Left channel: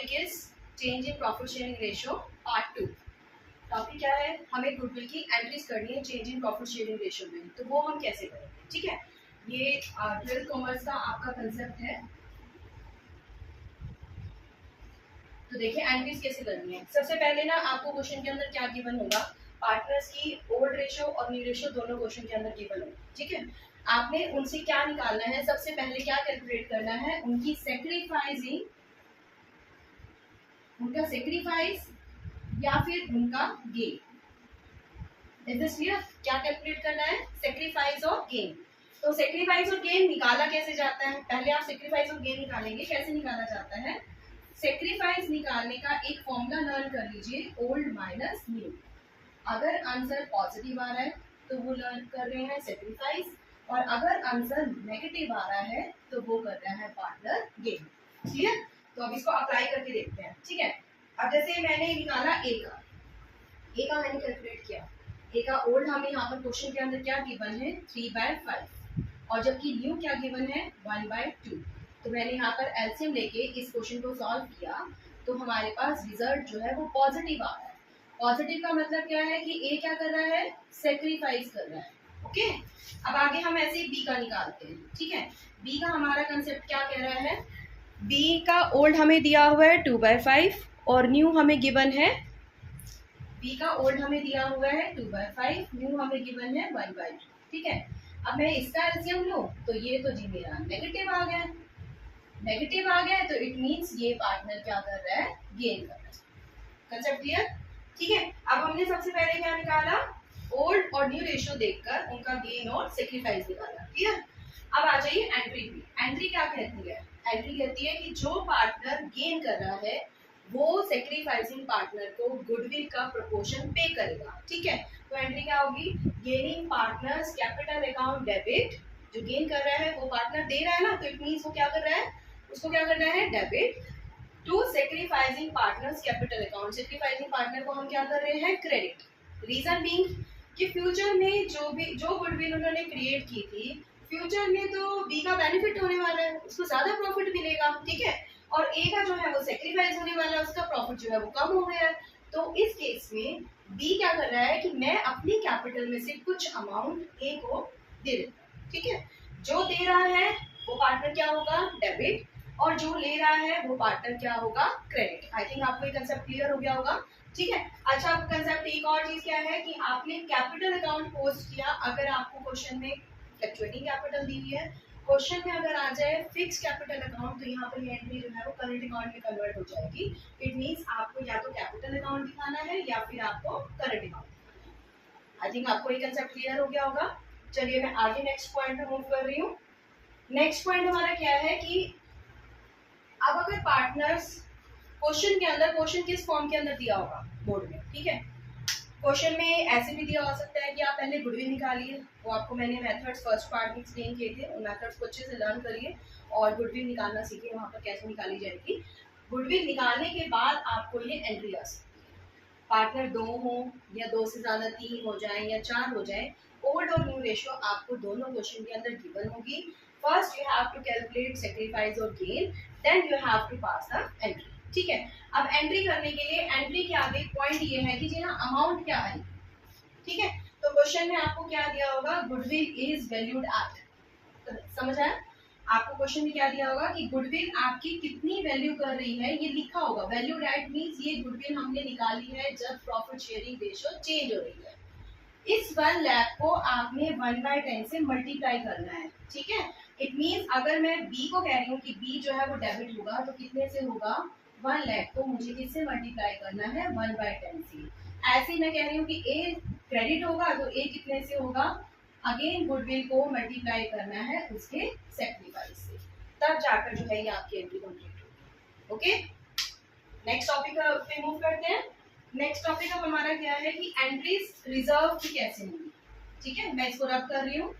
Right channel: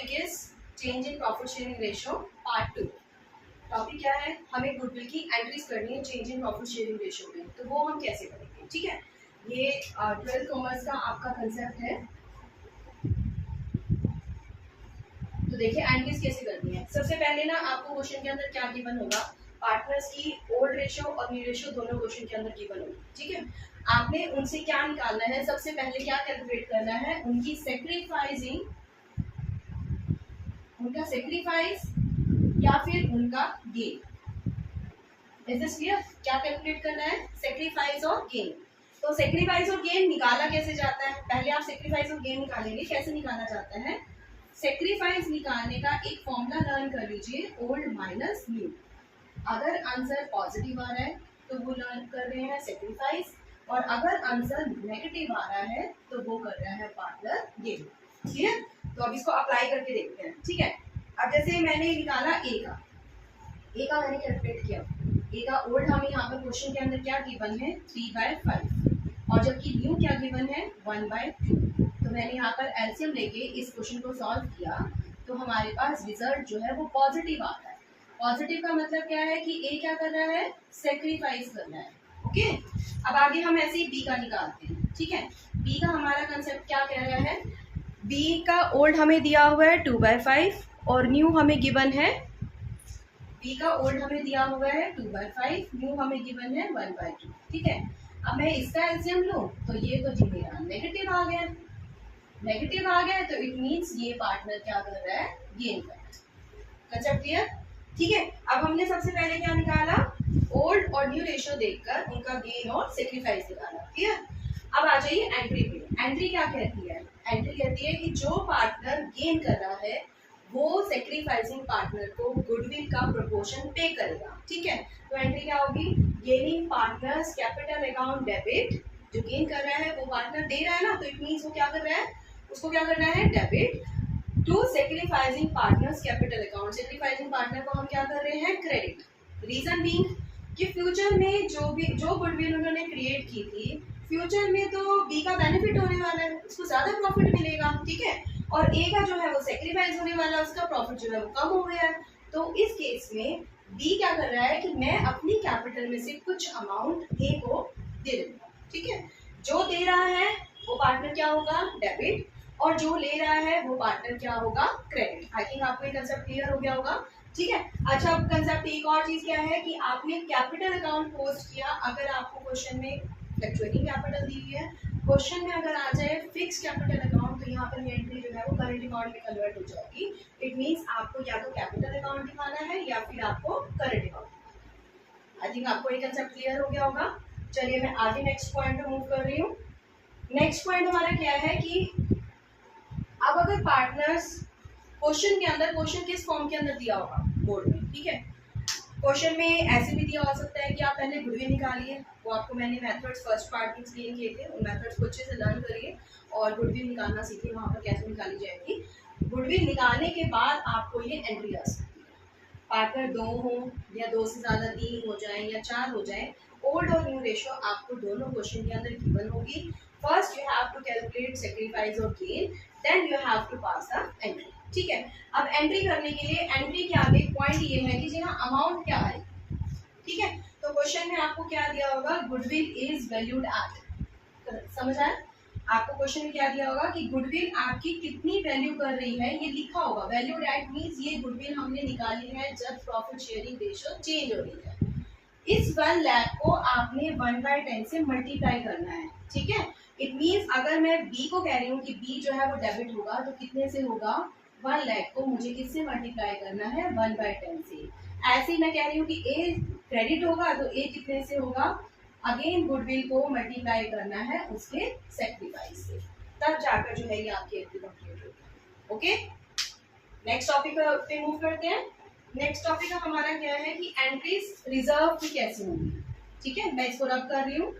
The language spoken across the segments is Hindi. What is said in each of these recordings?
Topic is change in profit sharing ratio part 2। Topic क्या है, हमें गुडविल की एंट्रीज करनी है change in profit sharing ratio में। तो वो हम कैसे करेंगे, ठीक है। ये 12th कॉमर्स का आपका कंसेप्ट है। तो देखिए एंट्रीज कैसे करनी है। सबसे पहले ना आपको क्वेश्चन के अंदर क्या गिवन होगा, पार्टनर्स की ओल्ड रेशियो और न्यू रेशियो दोनों क्वेश्चन के अंदर गिवन होगी, ठीक है। आपने उनसे क्या निकालना है, सबसे पहले क्या कैलकुलेट करना है, उनकी सेक्रीफाइसिंग, उनका सेक्रीफाइस या फिर उनका गेन। Is this clear? क्या कैलकुलेट करना है, सेक्रीफाइस और गेन। तो सेक्रीफाइस और गेन निकाला कैसे जाता है, पहले आप सेक्रीफाइस और गेन निकालेंगे। कैसे निकाला जाता है, सेक्रीफाइस निकालने का एक फॉर्मूला लर्न कर लीजिए, ओल्ड माइनस न्यू। अगर आंसर पॉजिटिव आ रहा है तो वो लर्न कर रहे हैं सेक्रीफाइस, और अगर आंसर नेगेटिव आ रहा है तो वो कर रहा है पार्टनर गेन। क्लियर? तो अब इसको अप्लाई करके देखते हैं, ठीक है। अब जैसे मैंने निकाला ए का मैंने कैलकुलेट किया। ए का ओल्ड हमें यहाँ पर क्वेश्चन के अंदर क्या गिवन है, 3/5, और जबकि न्यू क्या गिवन है, 1/2। तो मैंने यहाँ पर एलसीएम लेके इस क्वेश्चन को सॉल्व किया, तो हमारे पास रिजल्ट जो है वो पॉजिटिव आ रहा है। पॉजिटिव का मतलब क्या है कि ए क्या कर रहा है, सेक्रीफाइस कर रहा है। ओके, अब आगे हम ऐसे ही बी का निकालते हैं, ठीक है। बी का हमारा कंसेप्ट क्या कह रहा है, बी का ओल्ड हमें दिया हुआ है 2/5 और न्यू हमें गिवन है, बी का ओल्ड हमें दिया हुआ है 2/5, न्यू हमें गिवन है 1/2, ठीक है। अब मैं इसका एलसीएम लूं तो ये तो जी मेरा नेगेटिव आ गया, नेगेटिव आ गया तो इट मींस ये पार्टनर क्या कर रहा है, गेन कर रहा है। Concept clear? ठीक है। अब हमने सबसे पहले क्या निकाला, ओल्ड और न्यू रेशियो देखकर उनका गेन और सेक्रीफाइस निकाला। क्लियर? अब आ जाइए एंट्री पे। एंट्री क्या कहती है, एंट्री कहती है कि जो पार्टनर गेन कर रहा है वो सेक्रीफाइसिंग पार्टनर को गुडविल का प्रोपोर्शन पे करेगा, ठीक है। तो एंट्री क्या होगी, gaining partners capital account debit. जो गेन कर रहा है वो पार्टनर दे रहा है ना, तो इट मींस वो क्या कर रहा है, उसको क्या करना है, debit to sacrificing partners capital account. Sacrificing partner को हम क्या कर रहे हैं, क्रेडिट। रीजन बीइंग कि फ्यूचर में जो गुडविल उन्होंने क्रिएट की थी, फ्यूचर में तो बी का बेनिफिट होने वाला है, उसको ज्यादा प्रॉफिट मिलेगा, ठीक है। और ए का जो है वो सेक्रीफाइस होने वाला है, उसका प्रॉफिट जो है वो कम हो गया है। तो इस केस में बी क्या कर रहा है कि मैं अपनी कैपिटल में से कुछ अमाउंट ए को दे देता हूँ, ठीक है। जो दे रहा है वो पार्टनर क्या होगा, डेबिट, और जो ले रहा है वो पार्टनर क्या होगा, क्रेडिट। आई थिंक आपको ये कंसेप्ट क्लियर हो गया होगा, ठीक है। अच्छा, कंसेप्ट एक और चीज क्या है कि आपने कैपिटल अकाउंट पोस्ट किया, अगर आपको क्वेश्चन में फ्लक्चुएटिंग कैपिटल दी हुई है, क्वेश्चन में अगर आ जाए फिक्स कैपिटल अकाउंट, तो यहाँ पर ये एंट्री जो है वो करंट अकाउंट में कन्वर्ट हो जाएगी। इट मींस आपको या तो कैपिटल अकाउंट दिखाना है या फिर आपको करंट अकाउंट दिखाना है। आई थिंक आपको ये कंसेप्ट क्लियर हो गया होगा। चलिए मैं आगे नेक्स्ट पॉइंट पे मूव कर रही हूँ। नेक्स्ट पॉइंट हमारा क्या है कि अब अगर पार्टनर्स, क्वेश्चन के अंदर, क्वेश्चन किस फॉर्म के अंदर दिया होगा, बोर्ड में, ठीक है। क्वेश्चन में ऐसे भी दिया हो सकता है कि आप पहले गुडविल निकालिए, वो आपको मैंने मेथड्स फर्स्ट पार्ट में एक्सप्लेन किए थे, उन मेथड्स को अच्छे से लर्न करिए और गुडविल निकालना सीखिए, वहाँ पर कैसे निकाली जाएगी। गुडविल निकालने के बाद आपको ये एंट्री आ सकती है, पार्टनर 2 हो या 2 से ज़्यादा 3 हो जाए या 4 हो जाए, ओल्ड और न्यू रेशियो आपको दोनों क्वेश्चन के अंदर गिवन होगी। First you have to calculate sacrifice और gain, then you have to pass the entry, ठीक है। अब एंट्री करने के लिए, एंट्री के आगे पॉइंट ये है कि जी हाँ अमाउंट क्या है, ठीक है। तो क्वेश्चन में आपको क्या दिया होगा, गुडविल इज वैल्यूड एट, समझ आया? आपको क्वेश्चन में क्या दिया होगा कि गुडविल आपकी कितनी वैल्यू कर रही है, ये लिखा होगा। वैल्यूड एट मींस ये गुडविल हमने निकाली है जब प्रॉफिट शेयरिंग रेशियो चेंज हो रही है। इस 1 लाख को आपने 1/10 से मल्टीप्लाई करना है, ठीक है। इट मींस अगर मैं बी को कह रही हूँ कि बी जो है वो डेबिट होगा, तो कितने से होगा, 1 लाख को मुझे किससे मल्टीप्लाई करना है, 1/10 से। ऐसे ही मैं कह रही हूँ कि ए क्रेडिट होगा, तो ए कितने से होगा, अगेन गुडविल को मल्टीप्लाई करना है उसके सेक्रीफाइस से, तब जाकर जो है ये आपकी एंट्री कंप्लीट होगी। ओके, नेक्स्ट टॉपिक पे मूव करते हैं। नेक्स्ट टॉपिक हमारा क्या है कि एंट्रीज रिजर्व की कैसे होंगी, ठीक है। मैं इसको रब कर रही हूँ,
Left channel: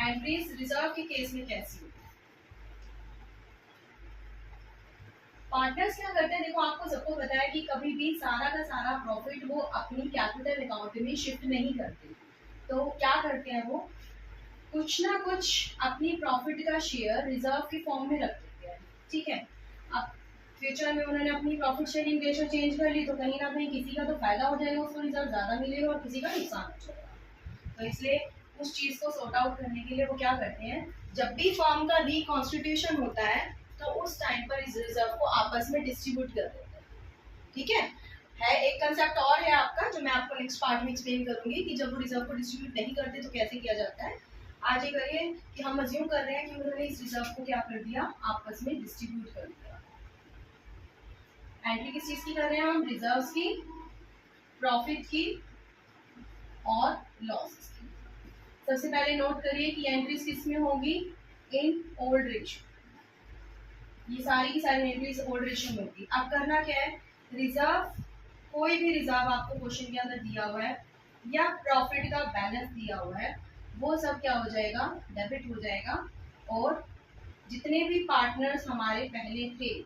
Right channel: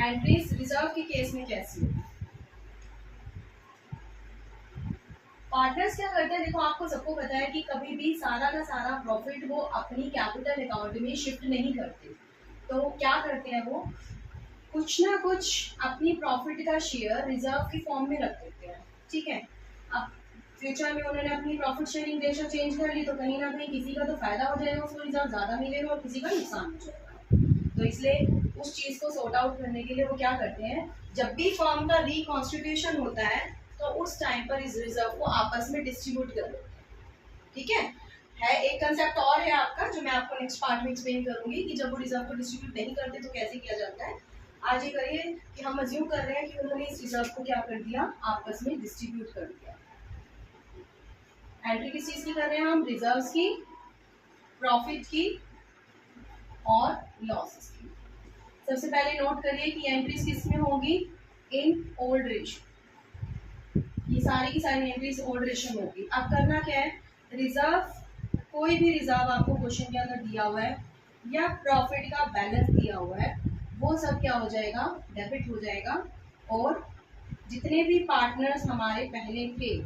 एंट्रीज रिजर्व के केस में कैसी होगी। पार्टनर्स क्या करते हैं, देखो आपको सबको पता है कि कभी भी सारा का सारा प्रॉफिट वो अपनी कैपिटल अकाउंट में शिफ्ट नहीं करते। तो क्या करते हैं, वो कुछ ना कुछ अपनी प्रॉफिट का शेयर रिजर्व की फॉर्म में रख देते हैं, ठीक है। अब फ्यूचर में उन्होंने अपनी प्रॉफिट शेयरिंग रेशो चेंज कर ली तो कहीं ना कहीं किसी का तो फायदा हो जाएगा, उसको रिजर्व ज़्यादा मिलेगा और किसी का नुकसान हो जाएगा। तो इसलिए उस चीज़ को सॉर्ट आउट करने के लिए वो क्या करते हैं, जब भी फर्म का रिकॉन्स्टिट्यूशन होता है तो उस टाइम पर इस रिजर्व को आपस में डिस्ट्रीब्यूट कर देते हैं। ठीक है एक कंसेप्ट और है आपका जो मैं आपको नेक्स्ट पार्ट में एक्सप्लेन करूंगी कि जब वो रिजर्व को डिस्ट्रीब्यूट नहीं करते तो कैसे किया जाता है। आज ये करिए कि हम अज्यूम कर रहे हैं कि उन्होंने इस रिजर्व को क्या कर दिया, आपस में डिस्ट्रीब्यूट कर दिया। एंट्री किस चीज की कर रहे हैं हम, रिजर्व्स की, प्रॉफिट की और लॉसेस की। सबसे पहले नोट करिए कि एंट्रीज किस में होगी, इन ओल्ड रेशियो। ये सारी की सारी एंट्रीज ओल्ड रेशियो में होगी। अब करना क्या है, रिजर्व, कोई भी रिजर्व आपको क्वेश्चन के अंदर दिया हुआ है या प्रॉफिट का बैलेंस दिया हुआ है, वो सब क्या हो जाएगा, डेबिट हो जाएगा। और जितने भी पार्टनर्स हमारे पहले थे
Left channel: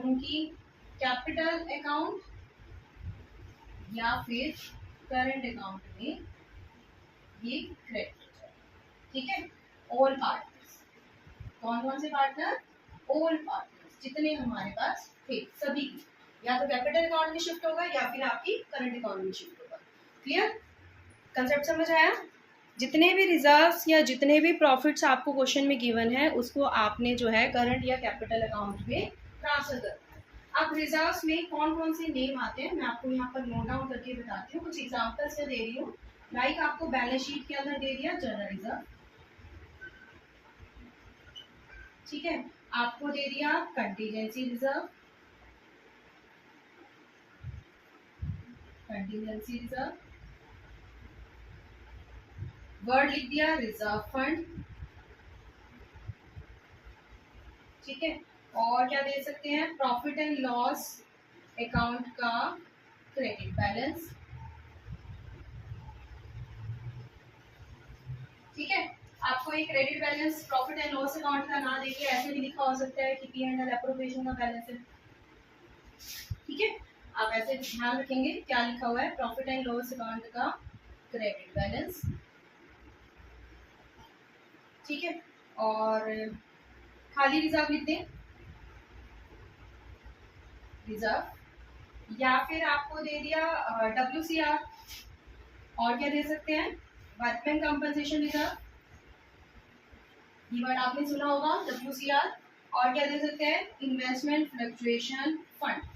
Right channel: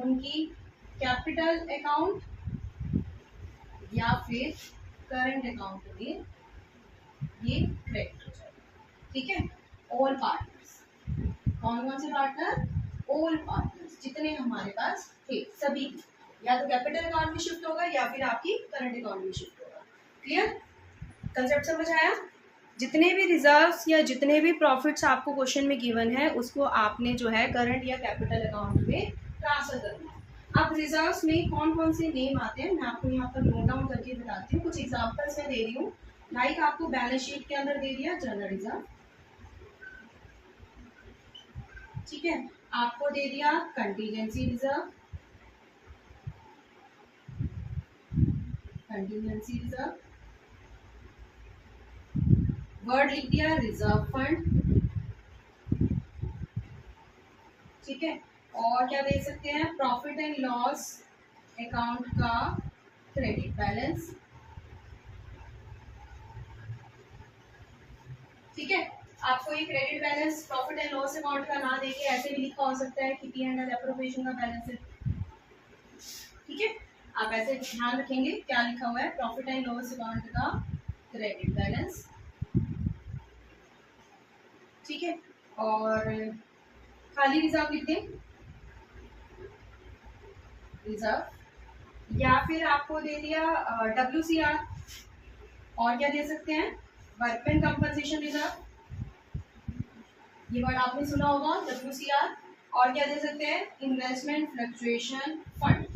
उनकी कैपिटल अकाउंट या फिर करंट अकाउंट में ये क्रेडिट हो जाएगा। ठीक है, ऑल पार्टनर्स, कौन कौन से पार्टनर, ऑल पार्टनर्स जितने हमारे पास थे सभी की, या तो कैपिटल अकाउंट में शिफ्ट होगा या फिर आपकी करंट अकाउंट में शिफ्ट होगा। क्लियर, कंसेप्ट समझ आया। जितने भी रिजर्व्स या जितने भी प्रॉफिट्स आपको क्वेश्चन में गिवन है उसको आपने जो है करंट या कैपिटल अकाउंट में ट्रांसफर करना है। अब रिजर्व्स में कौन कौन से नेम आते हैं मैं आपको यहाँ पर नोट डाउन करके बताती हूँ। कुछ एग्जांपल्स मैं दे रही हूँ, लाइक आपको बैलेंस शीट के अंदर दे दिया जनरल रिजर्व, ठीक है, आपको दे दिया contingency reserve, contingency reserve, word लिख दिया रिजर्व फंड, ठीक है, और क्या दे सकते हैं, प्रॉफिट एंड लॉस अकाउंट का क्रेडिट बैलेंस। ठीक है, आपको ये credit balance profit and loss account का ना देके ऐसे भी लिखा हो सकता है कि पी एंड एल एप्रोप्रिएशन का बैलेंस है। ठीक है, आप ऐसे ध्यान रखेंगे क्या लिखा हुआ है, प्रॉफिट एंड लॉस अकाउंट का क्रेडिट बैलेंस। ठीक है, और खाली रिजर्व लिख दें, रिजर्व, या फिर आपको दे दिया WCR, और क्या दे सकते हैं, वर्कमैन कंपनसेशन रिजर्व, ये वर्ड आपने सुना होगा WCR, और क्या दे सकते हैं, इन्वेस्टमेंट फ्लक्चुएशन फंड।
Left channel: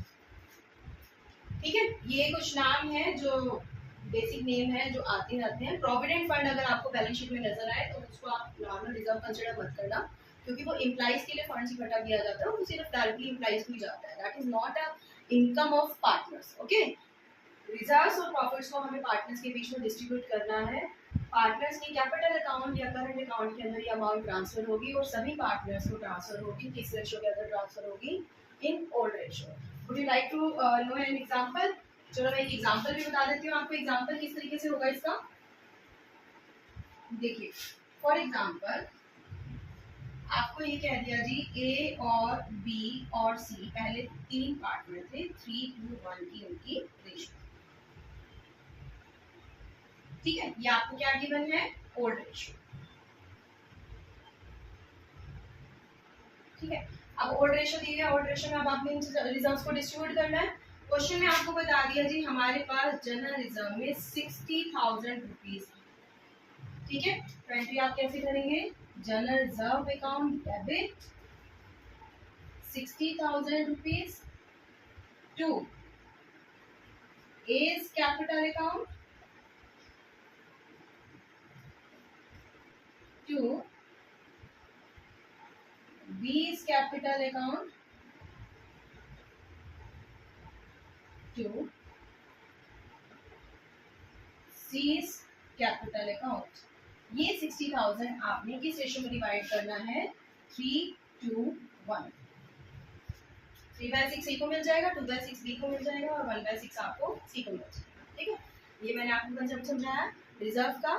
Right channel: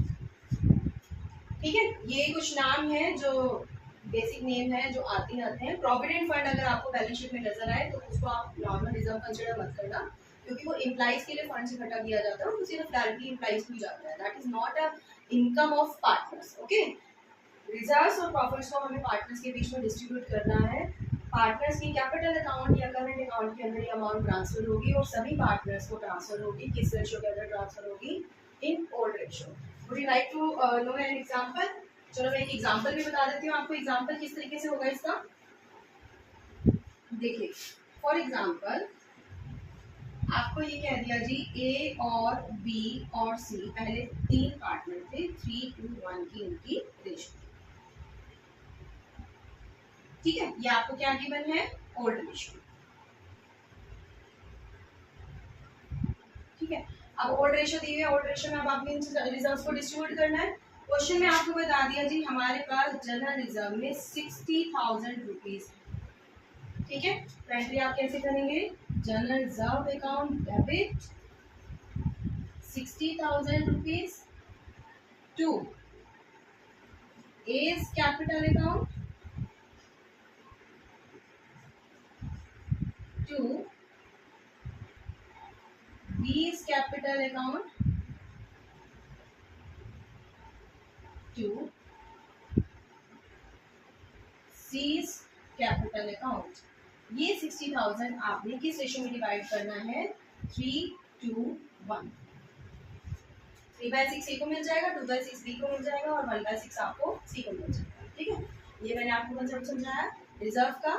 ठीक है, ये कुछ नाम है जो बेसिक नेम है जो आते रहते हैं। प्रोविडेंट फंड अगर आपको बैलेंस शीट में नजर आए तो उसको आप नॉर्मल रिजर्व कंसिडर मत करना, क्योंकि वो एम्प्लॉइज के लिए फंड इकट्ठा किया जाता है और वो सिर्फ डायरेक्टली एम्प्लॉइज को ही जाता है, that is not a income of partners. Okay, reserves और प्रॉफिट्स को हमें पार्टनर्स के बीच में डिस्ट्रीब्यूट करना है। पार्टनर्स की कैपिटल अकाउंट या करंट अकाउंट के अंदर ये अमाउंट ट्रांसफर होगी और सभी पार्टनर्स को ट्रांसफर होगी, किस रेशियो के अंदर ट्रांसफर होगी, in old ratio. Would you like to know an example? चलो मैं एक एग्जांपल भी बता देती हूँ आपको, एग्जांपल किस तरीके से होगा इसका। देखिए फॉर एग्जांपल आपको ये कह दिया जी ए और बी और सी पहले 3 पार्टनर थे, 3:1 की उनकी रेशियो। ठीक है, ये आपको क्या गिवन है, ओल्ड रेशियो। ठीक है, अब ओल्ड रेशियो दी है, ओल्ड रेशियो में अब आपने इन रिजर्व्स को डिस्ट्रीब्यूट करना है। क्वेश्चन में आपको बता दिया जी हमारे पास जनरल रिजर्व में 60,000 रुपीज। ठीक है, तो एंट्री आप कैसे करेंगे, general reserve account debit 60,000 rupees to A's capital account to B's capital account to C's capital account। ये 60,000 आपने किस रेशियो में डिवाइड करना है, 3:1। 3/6 A को मिल जाएगा, 2/6 B को मिल जाएगा और 1/6 आपको C को मिल जाएगा। ठीक है, ये मैंने आपको कंसेप्ट समझाया रिजर्व का।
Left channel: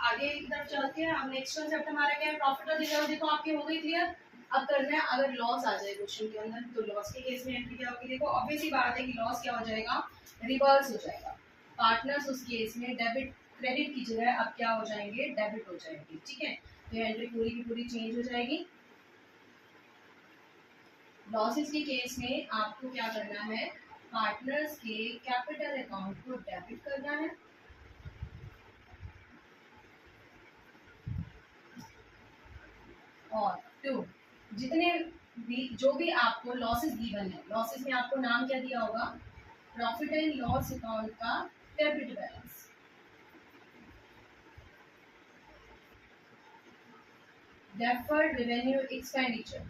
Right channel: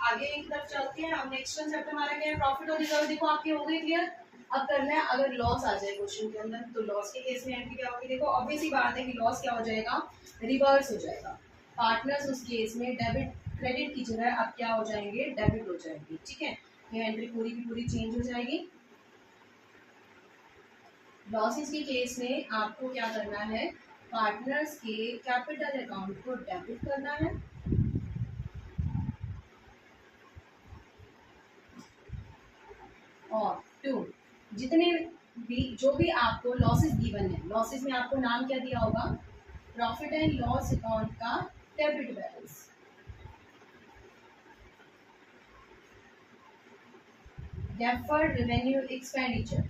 आगे की तरफ चलते हैं। अब नेक्स्ट कंसेप्ट हमारा क्या है, प्रॉफिट और रिजर्व। देखो आपकी हो गई क्लियर। अब करना है अगर लॉस आ जाए क्वेश्चन के अंदर तो लॉस के केस में एंट्री क्या होगी। देखो ऑब्वियस ही बात है कि लॉस क्या हो जाएगा, रिवर्स हो जाएगा। पार्टनर्स उस केस में डेबिट क्रेडिट की जगह अब क्या हो जाएंगे, डेबिट हो जाएंगे। ठीक है, ये एंट्री पूरी की पूरी चेंज हो जाएगी। लॉसेस के केस में आपको क्या करना है, पार्टनर्स के कैपिटल अकाउंट को डेबिट करना है और टू, जितने भी जो भी आपको लॉसेस गिवन है, लॉसेस में आपको नाम क्या दिया होगा, प्रॉफिट एंड लॉस अकाउंट का debit balance, deferred revenue expenditure,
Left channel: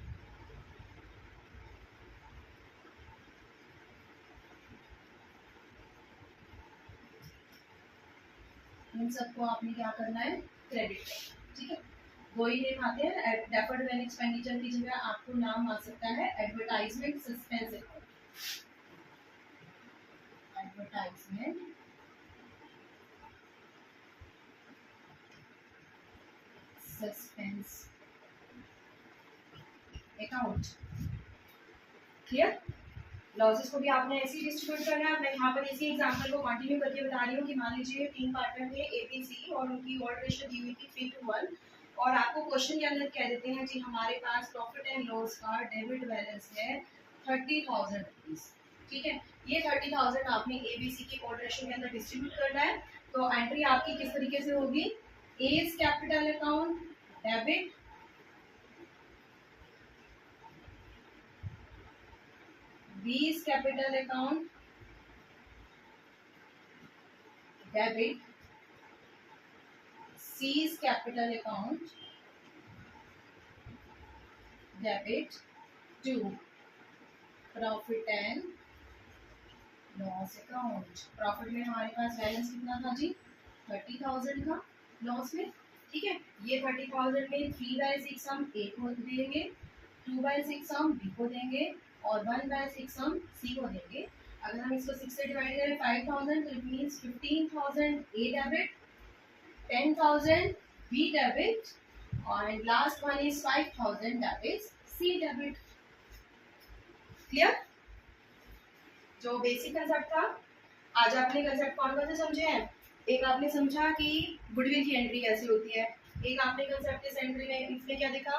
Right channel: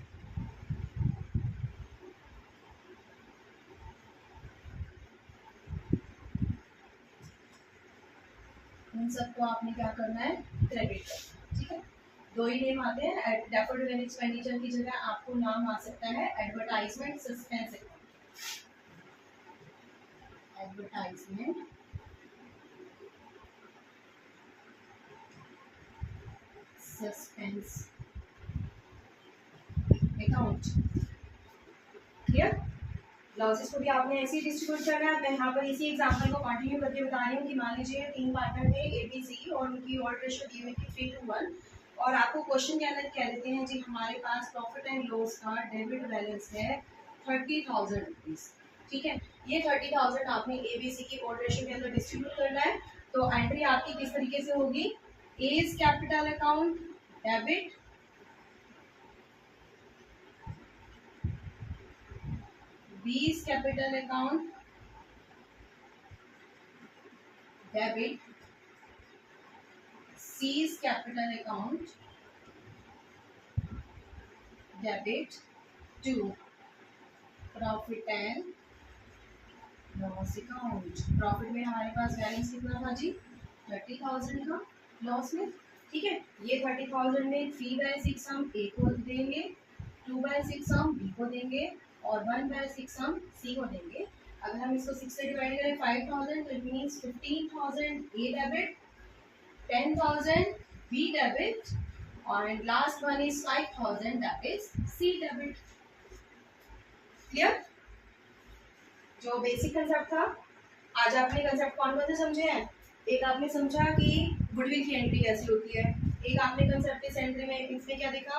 इन सबको आपने क्या करना है, क्रेडिट करना। ठीक है, दो ही नेम आते हैं, डेफर्ड रेवेन्यू एक्सपेंडिचर की जगह आपको नाम आ सकता है advertisement suspense account, advertisement suspense account. Clear, losses को भी आपने ऐसे ही डिस्ट्रीब्यूट करना है। मैं यहाँ पर इसी एग्जांपल को कंटिन्यू करके बता रही हूँ कि मान लीजिए 3 पार्टनर थे ए बी सी और उनकी ऑड रेशियो दी हुई थी 3:1 और आपको क्वेश्चन के अंदर कह देते हैं जी हमारे पास प्रॉफिट एंड लॉस का डेबिट बैलेंस है 30,000 रुपीज। ठीक है, ये 30,000 आपने ए बी सी की ऑड रेशियो के अंदर डिस्ट्रीब्यूट करना है। तो एंट्री आपकी किस तरीके से होगी, A's capital account debit, B's capital account debit, C's capital account debit to profit and loss account. Profit में हमारे पास बैलेंस कितना था जी, 30,000 का, लॉस में, ठीक है, ये 30,000 में 3/6 हम ए को देंगे, 2/6 हम बी को देंगे और 1/6 हम सी को देंगे। अगर हम इसको 6 से डिवाइड करें 5,000 तो it means 15,000 A debit, 10,000 B debit और last one is 5,000 that is C debit. Clear, जो बेसिक कंसेप्ट था, आज आपने कंसेप्ट कौन कौन से समझे हैं, एक आपने समझा कि गुडविल की एंट्री कैसे होती है, एक आपने कंसेप्ट इस एंट्री में इसमें क्या देखा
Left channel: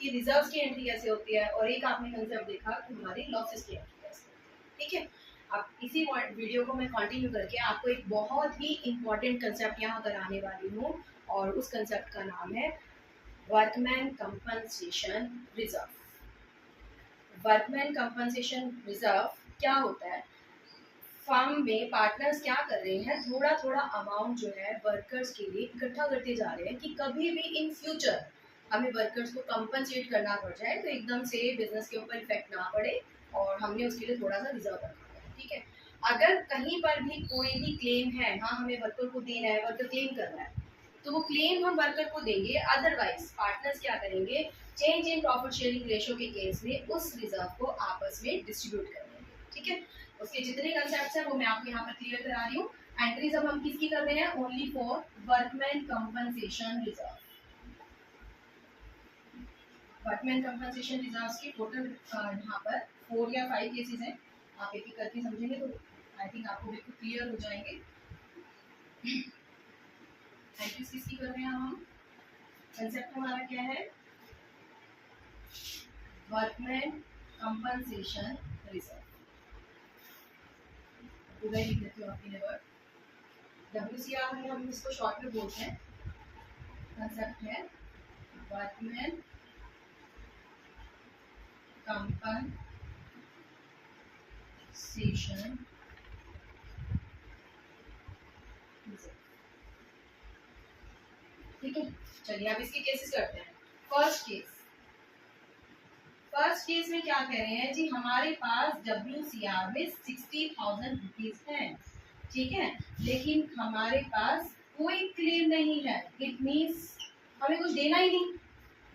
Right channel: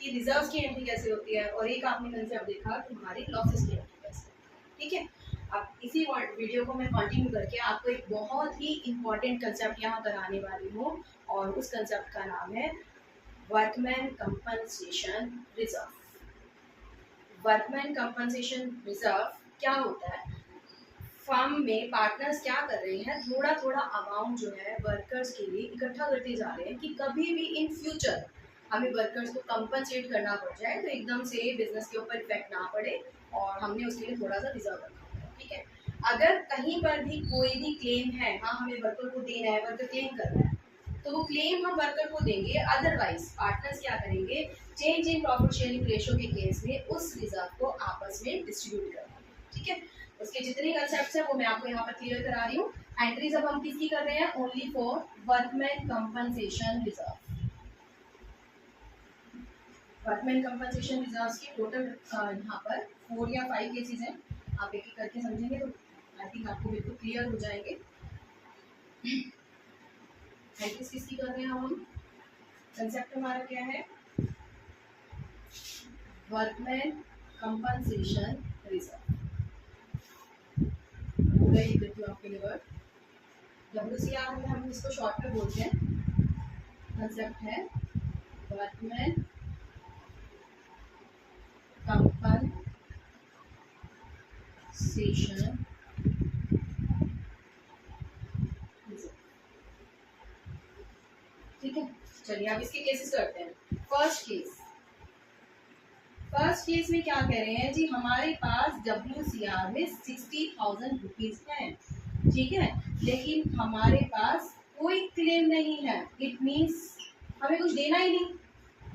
कि रिजर्व्स की एंट्री कैसे होती है और एक आपने कंसेप्ट देखा कि हमारी लॉसेस की एंट्री कैसे होती है। ठीक है, अब इसी वीडियो को मैं कंटिन्यू करके आपको एक बहुत ही इंपॉर्टेंट कंसेप्ट यहाँ कराने वाली हूँ और उस कंसेप्ट का नाम है workman compensation reserve. Workman compensation reserve क्या होता है, फर्म में पार्टनर्स क्या कर रहे हैं, थोड़ा थोड़ा अमाउंट जो है वर्कर्स के लिए इकट्ठा करते जा रहे हैं कि कभी भी इन फ्यूचर हमें वर्कर्स को कंपनसेट करना पड़ जाए तो एकदम से बिजनेस के ऊपर इफेक्ट ना पड़े और हमने उसके लिए थोड़ा सा रिजर्व रखा है। ठीक है, अगर कहीं पर भी कोई भी क्लेम है, हाँ हमें वर्कर को देना है, वर्कर क्लेम कर रहा है तो वो क्लेम हम वर्कर को देंगे, अदरवाइज पार्टनर्स क्या करेंगे, change in profit sharing ratio के केस में उस रिजर्व को आपस में डिस्ट्रीब्यूट करेंगे। ठीक है, उसके जितने कंसेप्ट्स हैं वो मैं आपको यहाँ पर क्लियर करा रही हूँ। एंट्रीज अब हम किसकी कर रहे हैं, only for workman compensation reserve. Workman compensation reserve की टोटल यहाँ पर 4 या 5 केसेस हैं, आप एक एक करके समझेंगे तो आई थिंक आपको बिल्कुल क्लियर हो जाएंगे। एंट्रीज किसकी कर रहे हैं हम, कंसेप्ट हमारा क्या है, वर्कमैन कंपनसेशन रिजर्व। पूरा लिख देती हूँ आपके लिए वर्ड, WCR में हम इसको शॉर्ट में बोलते हैं। कंसेप्ट है वर्कमैन कंपनसेशन। ठीक है, चलिए अब इसके केसेस करते हैं। फर्स्ट केस में क्या कह रहे हैं जी, हमारे पास WCR में 60,000 रुपीज है। ठीक है, लेकिन हमारे पास कोई क्लेम नहीं है, इट मीन्स हमें कुछ देना ही नहीं,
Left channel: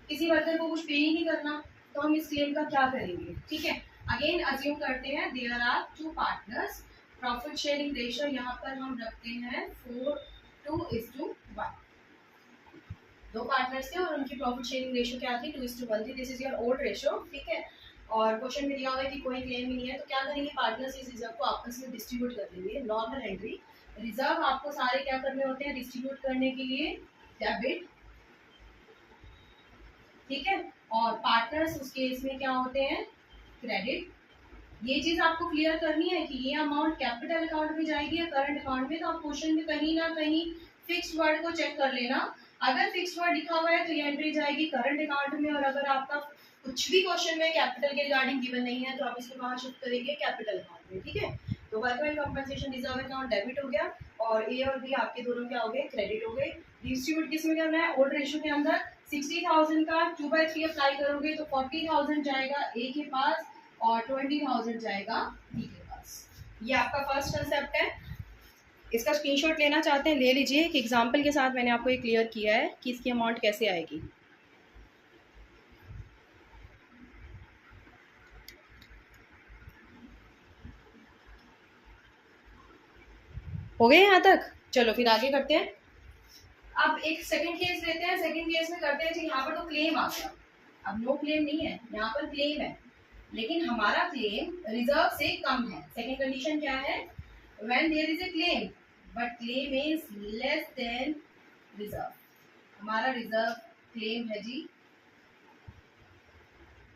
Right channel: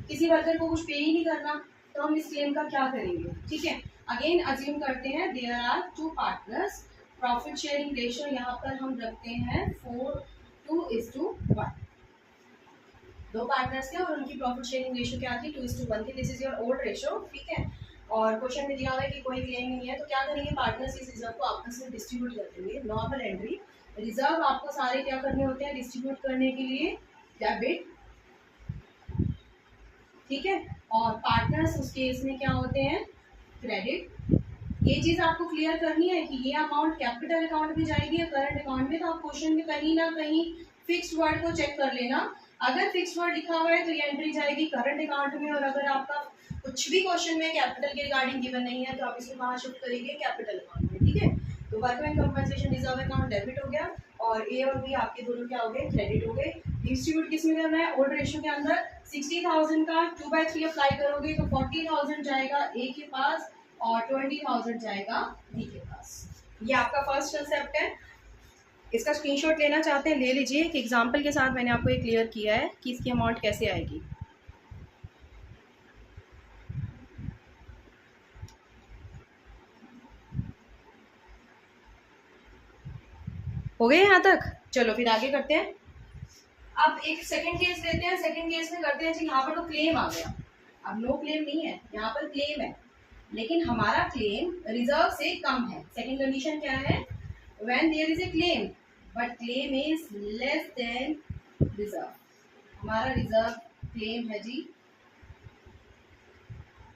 किसी वर्कर को कुछ पे ही नहीं करना, तो हम इस क्लेम का क्या करेंगे। ठीक है, अगेन अज्यूम करते हैं there are 2 partners, profit sharing ratio यहाँ पर हम रखते हैं 4:1। 2 पार्टनर्स थे और उनकी प्रॉफिट शेयरिंग रेशियो क्या थी, 2:1 थी। This is your old ratio. ठीक है, और क्वेश्चन में दिया हुआ है कि कोई क्लेम नहीं है तो क्या करेंगे, पार्टनर्स इस रिजर्व को आपस में डिस्ट्रीब्यूट कर देंगे। नॉर्मल एंट्री, रिजर्व आपको सारे क्या करने होते हैं, डिस्ट्रीब्यूट करने के लिए डेबिट। ठीक है, और पार्टनर्स उस केस में क्या होते हैं, क्रेडिट। ये चीज आपको क्लियर करनी है कि ये अमाउंट कैपिटल अकाउंट में जाएगी या करंट अकाउंट में। तो आप क्वेश्चन में कहीं ना कहीं फिक्स्ड वर्ड को चेक कर लेना। अगर फिक्स्ड वर्ड लिखा हुआ है तो ये एंट्री जाएगी करंट अकाउंट में, और अगर आपका कुछ भी क्वेश्चन में कैपिटल के रिगार्डिंग गिवन नहीं है तो आप इसको कहाँ शिफ्ट करेंगे, कैपिटल अकाउंट में। ठीक है, तो workman compensation reserve account debit हो गया, और ए और बी आपके दोनों क्या हो गए, क्रेडिट हो गए। डिस्ट्रीब्यूट किस में करना है, ओल्ड रेशियो के अंदर। 60,000 का 2/3 अप्लाई करोगे तो 40,000 जाएगा ए के पास और 20,000 जाएगा बी के पास। ये आपका फर्स्ट कंसेप्ट है। इसका स्क्रीनशॉट लेना चाहते हैं ले लीजिए। एक एग्जांपल के साथ मैंने आपको ये क्लियर किया है कि इसकी अमाउंट कैसे आएगी। हो गए यहाँ तक? चलो फिर आगे करते हैं। अब एक सेकंड केस लेते हैं। सेकंड केस में करते हैं जी, यहाँ पर तो क्लेम आ गया। अब नो क्लेम नहीं है, यहाँ पर क्लेम है, लेकिन हमारा क्लेम रिजर्व से कम है। सेकंड कंडीशन क्या है, when there is a claim but claim is less than reserve. हमारा रिजर्व क्लेम है जी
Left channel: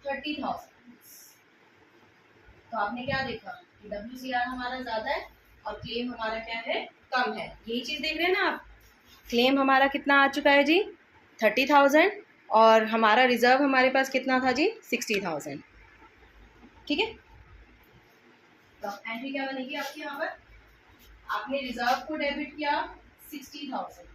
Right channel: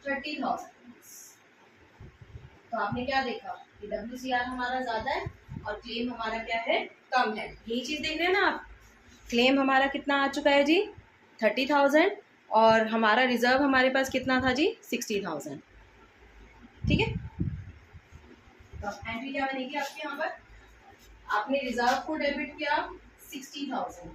30,000। तो आपने क्या देखा कि WCR हमारा ज्यादा है और क्लेम हमारा क्या है, कम है। यही चीज देख रहे हैं ना आप, क्लेम हमारा कितना आ चुका है जी 30,000, और हमारा रिजर्व हमारे पास कितना था जी 60,000। ठीक है, तो एंट्री क्या बनेगी आपकी, यहाँ पर आपने रिजर्व को डेबिट किया 60,000।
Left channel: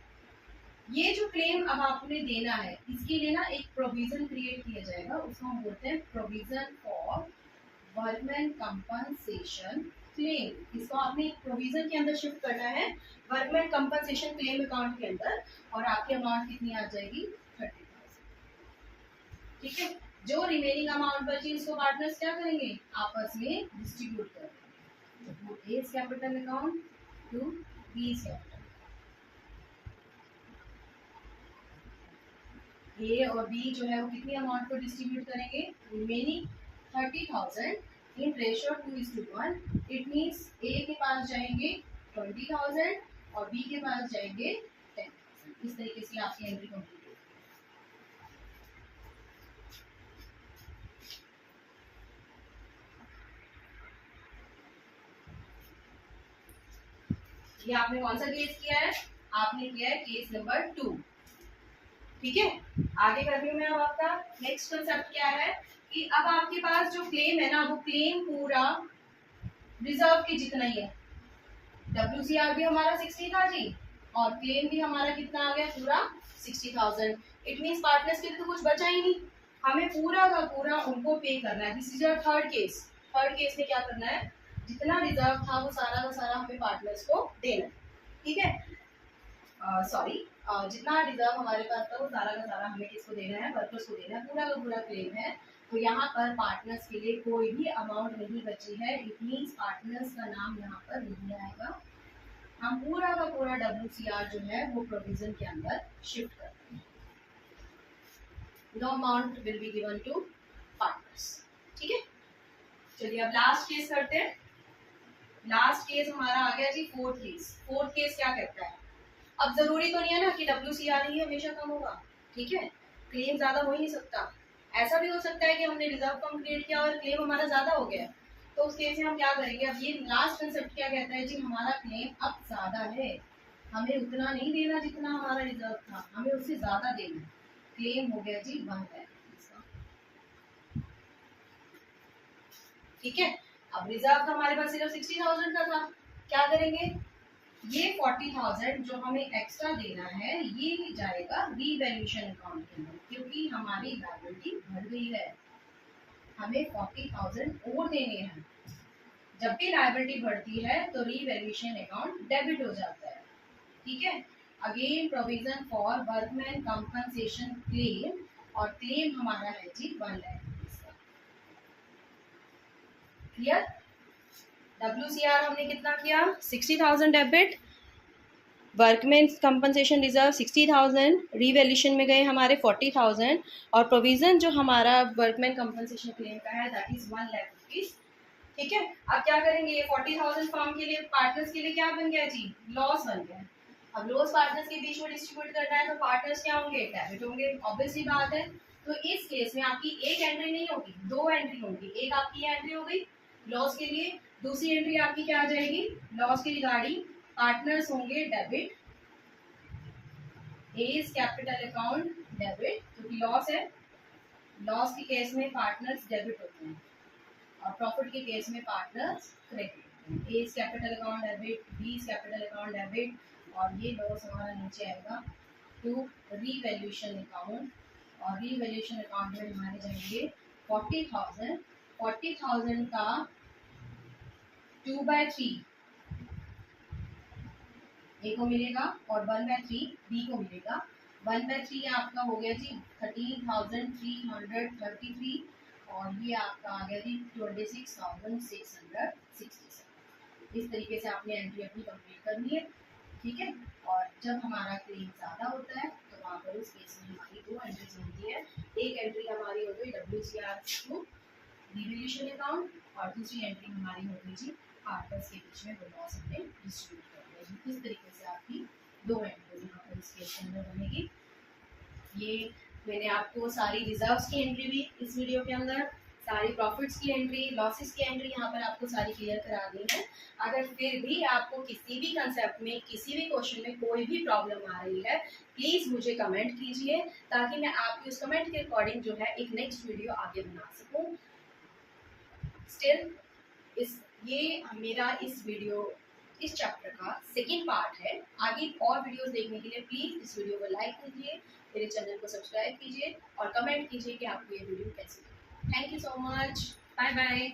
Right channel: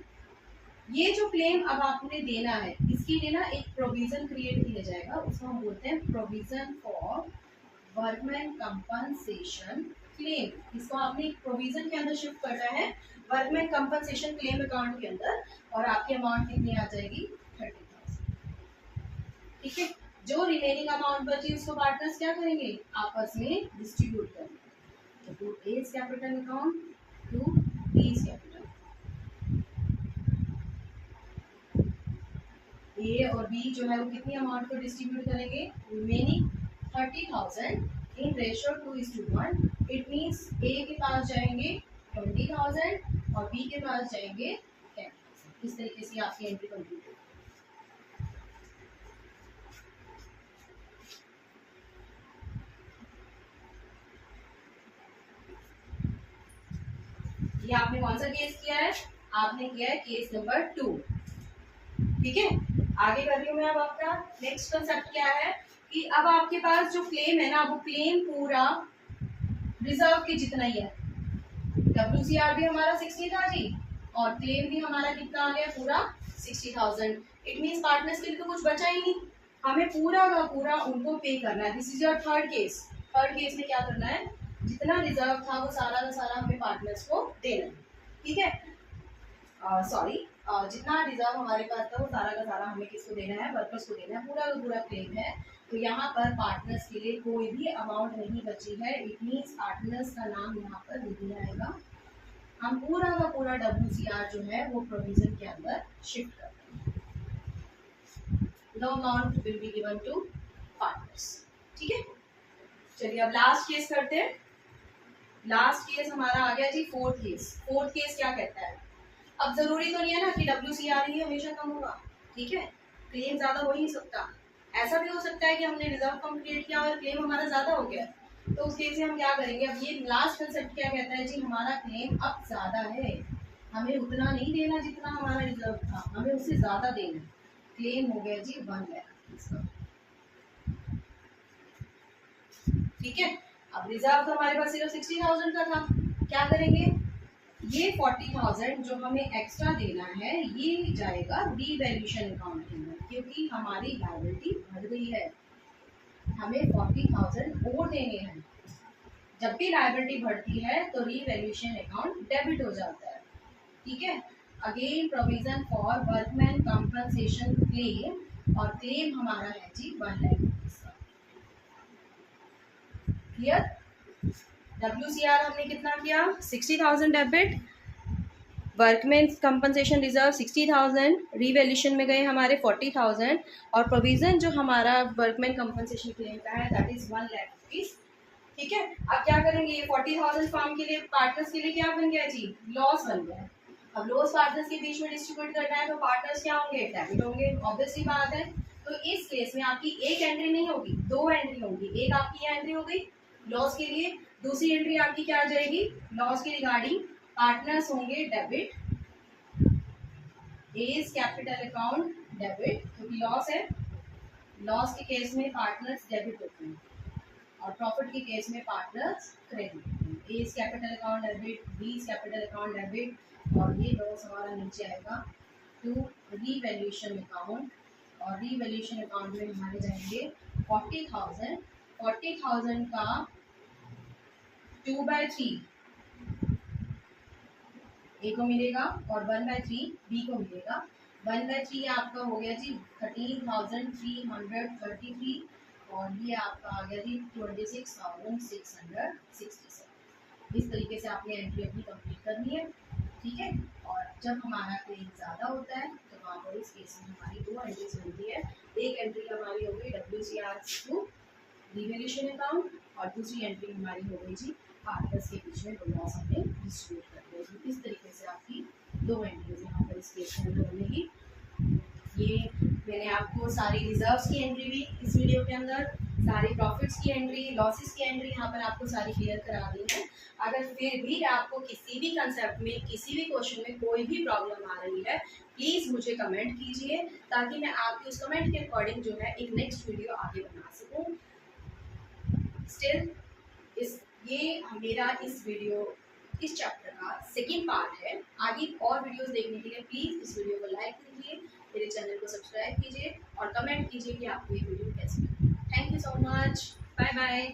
ये जो क्लेम अब आपने देना है, इसके लिए ना एक प्रोविजन क्रिएट किया जाएगा, उसको हम बोलते हैं provision for workman compensation claim. इसको आपने एक प्रोविजन के अंदर शिफ्ट करना है, वर्कमैन कंपनसेशन क्लेम अकाउंट के अंदर, और आपकी अमाउंट कितनी आ जाएगी 30,000। ठीक है, जो रिमेनिंग अमाउंट बची उसको पार्टनर्स क्या करेंगे, आपस में डिस्ट्रीब्यूट करेंगे। तो to A's capital account to B's capital. A और बी जो है वो कितनी अमाउंट को डिस्ट्रीब्यूट करेंगे, remaining 30,000 in ratio 2:1। It means A के पास जाएंगे 20,000 और बी के पास जाएंगे 10,000। इस तरीके से आपकी एंट्री कंप्लीट होगी। ये आपने कौन सा केस किया है, आपने किया है केस नंबर 2। ठीक है, आगे कर रही हूँ मैं। अब आपका नेक्स्ट कंसेप्ट क्या है कि अब आपके पास जो क्लेम है ना, वो क्लेम पूरा रिजर्व के जितना ही है। WCR भी हमारा 60 था जी, और क्लेम भी हमारा कितना आ गया, पूरा 60,000। इट मीन्स पार्टनर्स के लिए तो कुछ बचा ही नहीं, हमें पूरा का पूरा उनको पे करना है। This is your third case. Third case में क्या करना है, जितना रिजर्व था वो सारा का सारा हमें पार्टनर्स को देना है। ठीक है, सॉरी, जितना रिजर्व हमारे पास था वो सारा का सारा हमें किसको देना है, वर्कर्स को देना है। पूरा का पूरा क्लेम है, तो यहाँ पर पार्टनर्स के लिए कोई भी अमाउंट नहीं बची है। इट मीन्स पार्टनर्स का नाम यहाँ पर नहीं आएगा। हम पूरा का पूरा WCR जो है वो प्रोविजन के अंदर शिफ्ट करते हैं। No amount will be given to partners. ठीक है, चलिए अब लास्ट केस करते हैं। लास्ट केस हमारा आ गया जी फोर्थ केस। फोर्थ केस क्या कहता है, अब जरूरी तो नहीं है ना कि WCR ही हमेशा कम होगा। ठीक है, क्लेम ज्यादा हो ही नहीं सकता। ऐसा भी हो सकता है कि हमने रिजर्व कम क्रिएट किया और क्लेम हमारा ज्यादा हो गया, तो उस केस में हम क्या करेंगे। अब ये लास्ट कंसेप्ट क्या कहता है जी, हमारा क्लेम अब ज्यादा है, हमें उतना नहीं देना जितना हमारा रिजर्व था, हमें उससे ज्यादा देना। क्लेम हो गया जी 1 लाख। ठीक है, अब रिजर्व तो हमारे पास सिर्फ 60,000 का था, क्या करेंगे, ये 40,000 जो हमें एक्स्ट्रा देना है ये जाएगा रीवैल्यूएशन अकाउंट के अंदर, क्योंकि हमारी लायबिलिटी बढ़ गई है, हमें 40,000 और देने हैं। जब भी लायबिलिटी बढ़ती है तो रीवैल्यूएशन अकाउंट डेबिट हो जाता है। ठीक है, again provision for workman compensation claim, और क्लेम हमारा है जी 1 लाख। क्लियर, WCR हमने कितना किया 60,000 debit, workman compensation reserve 60,000, revaluation में गए हमारे 40,000, और प्रोविजन जो हमारा वर्कमैन कंपनसेशन क्लेम का है दैट इज 1 लाख रुपीज। ठीक है, अब क्या करेंगे, ये 40,000 फर्म के लिए, पार्टनर्स के लिए क्या बन गया जी, लॉस बन गया। अब लॉस पार्टनर्स के बीच में डिस्ट्रीब्यूट करना है तो पार्टनर्स क्या होंगे, डेबिट होंगे, ऑब्वियसली बात है। तो इस केस में आपकी एक एंट्री नहीं होगी, दो एंट्री होगी। एक आपकी ये एंट्री हो गई लॉस के लिए, दूसरी एंट्री आपकी क्या आ जाएगी, लॉस के रिगार्डिंग पार्टनर्स होंगे debit, A's capital account debit, क्योंकि लॉस है, लॉस के केस में पार्टनर्स डेबिट होते हैं और प्रॉफिट के केस में पार्टनर्स क्रेडिट होते हैं। A's capital account debit, B capital account debit, और ये लॉस हमारा नीचे आएगा टू रीवैल्यूएशन अकाउंट, और रीवैल्यूएशन अकाउंट में हमारे जाएंगे 40,000, 40,000 का 2/3 ए को मिलेगा और 1/3 बी को मिलेगा। 1/3 आपका हो गया जी 13,333, और ये आपका आ गया जी 26,667। इस तरीके से आपने एंट्री अपनी कंप्लीट करनी है, ठीक है। और जब हमारा क्लेम ज़्यादा होता है तो वहाँ पर उस केस में हमारी दो एंट्रीज बनती है। एक एंट्री हमारी हो गई WCR टू रिवैल्यूएशन अकाउंट, और दूसरी एंट्री हमारी हो गई जी पार्टनर्स के बीच में वो लॉस हमने डिस्ट्रीब्यूट कर दिया जी। इस तरीके से आपकी दो एंट्रीज यहाँ पर इस केस के अंदर बनेगी। ये मैंने आपको सारी रिजर्व्स की एंट्री भी इस वीडियो के अंदर, सारी प्रॉफिट्स की एंट्री, लॉसेस की एंट्री यहाँ पर आपको सारी क्लियर करा दी है। अगर फिर भी आपको किसी भी कंसेप्ट में, किसी भी क्वेश्चन में कोई भी प्रॉब्लम आ रही है, प्लीज़ मुझे कमेंट कीजिए, ताकि मैं आपकी उस कमेंट के अकॉर्डिंग जो है एक नेक्स्ट वीडियो आगे बना सकूँ। स्टिल ये मेरा इस वीडियो, इस चैप्टर का सेकेंड पार्ट है। आगे और वीडियोस देखने के लिए प्लीज़ इस वीडियो को लाइक कीजिए, मेरे चैनल को सब्सक्राइब कीजिए और कमेंट कीजिए कि आपको ये वीडियो कैसी लगी। Thank you so much, bye bye.